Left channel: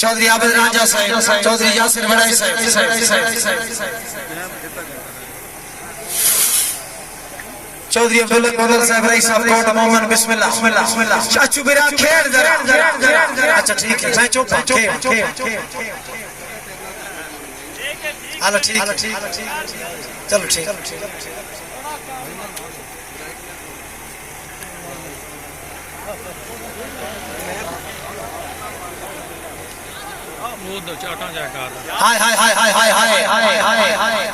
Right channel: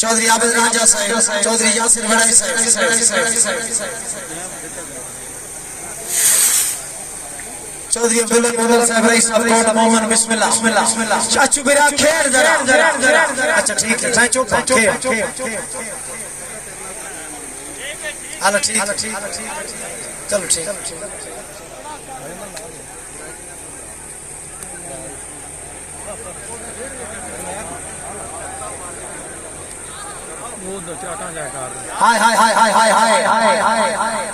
चौधरी आबिद राजा साहब, चौधरी यासिर बड़ाई साहब, चौधरी अब्दुल कदर साहब रईस साहब कोट मोहम्मद बिस्मिल्लाह बिस्मिल्लाह चाचू बिरा खेल जरा अच्छा ठीक है भाई चुप हां ठीक चलो ठीक वो दो चाटा जाकर हाय हाय हाय हाय हाय हाय हाय हाय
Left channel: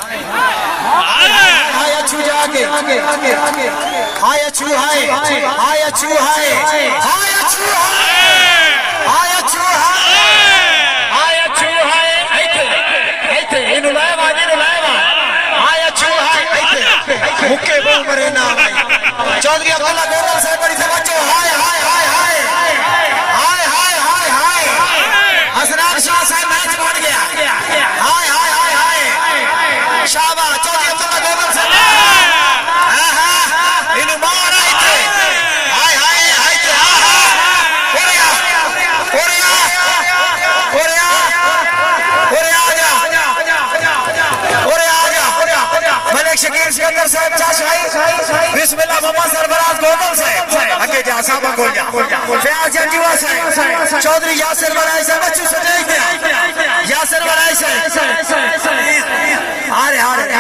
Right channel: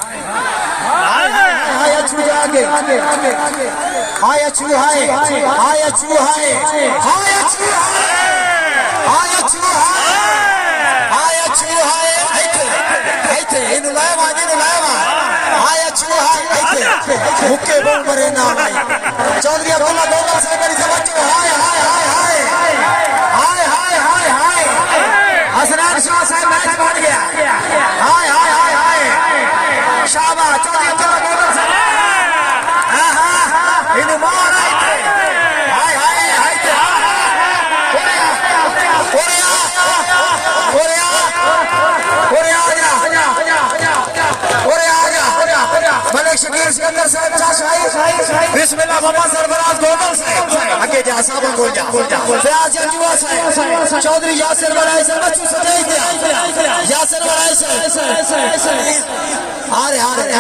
हाय अच्छू जाके हाय अच्छू हाय हाय अच्छू हाय हाय अच्छू हाय अच्छू हाय अच्छू हाय ऐथे इनु लावा हाय अच्छू हाय ऐथे मुक्के बोल मरे ना भाई चौधरी अब्दुल्ला गौरव साहब बड़ी से बच्चों हाय हाय हाय हाय हाय हाय हाय हाय हसनान शाह साहब मैच बढ़ गया हाय हाय हाय हाय शाबाश चौधरी अब्दुल्ला गौरव साहब इनु मार आइते हाय हाय आइते कोरिया कोरिया कोरिया कोरिया आजा मलिक शकील सिकंदर साहब चाशाही बिस्मिल्लाह मोहम्मद सरफराज गोदल साहब आगे जा साहब गोल जा फयाज जंगीवा साहब चौधरी यासिर बड़ाई साहब अच्छे से देख दिया यासिर बड़ाई साहब आ रहे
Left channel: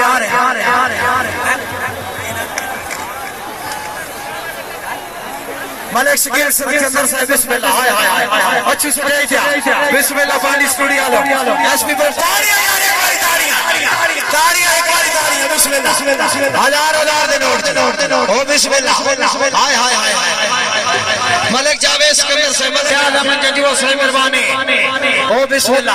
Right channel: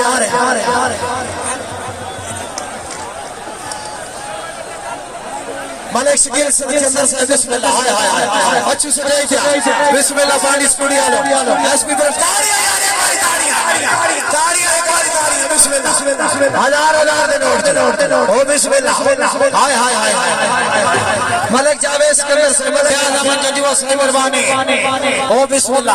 मलिक शकील सिकंदर साहब बिस्मिल्लाह हाय हाय हाय अच्छे से देख दिया बिस्मिल्लाह पानी स्टूडियो लो एसपी पर ताड़ियां बिस्मिल्लाह हजार दे नोट ओ बिस्मिल्लाह हाय हाय हाय मलिक जावेद सिकंदर साहब क्या जमान जदीवा साहब मेहरबानी ओ बिस्मिल्लाह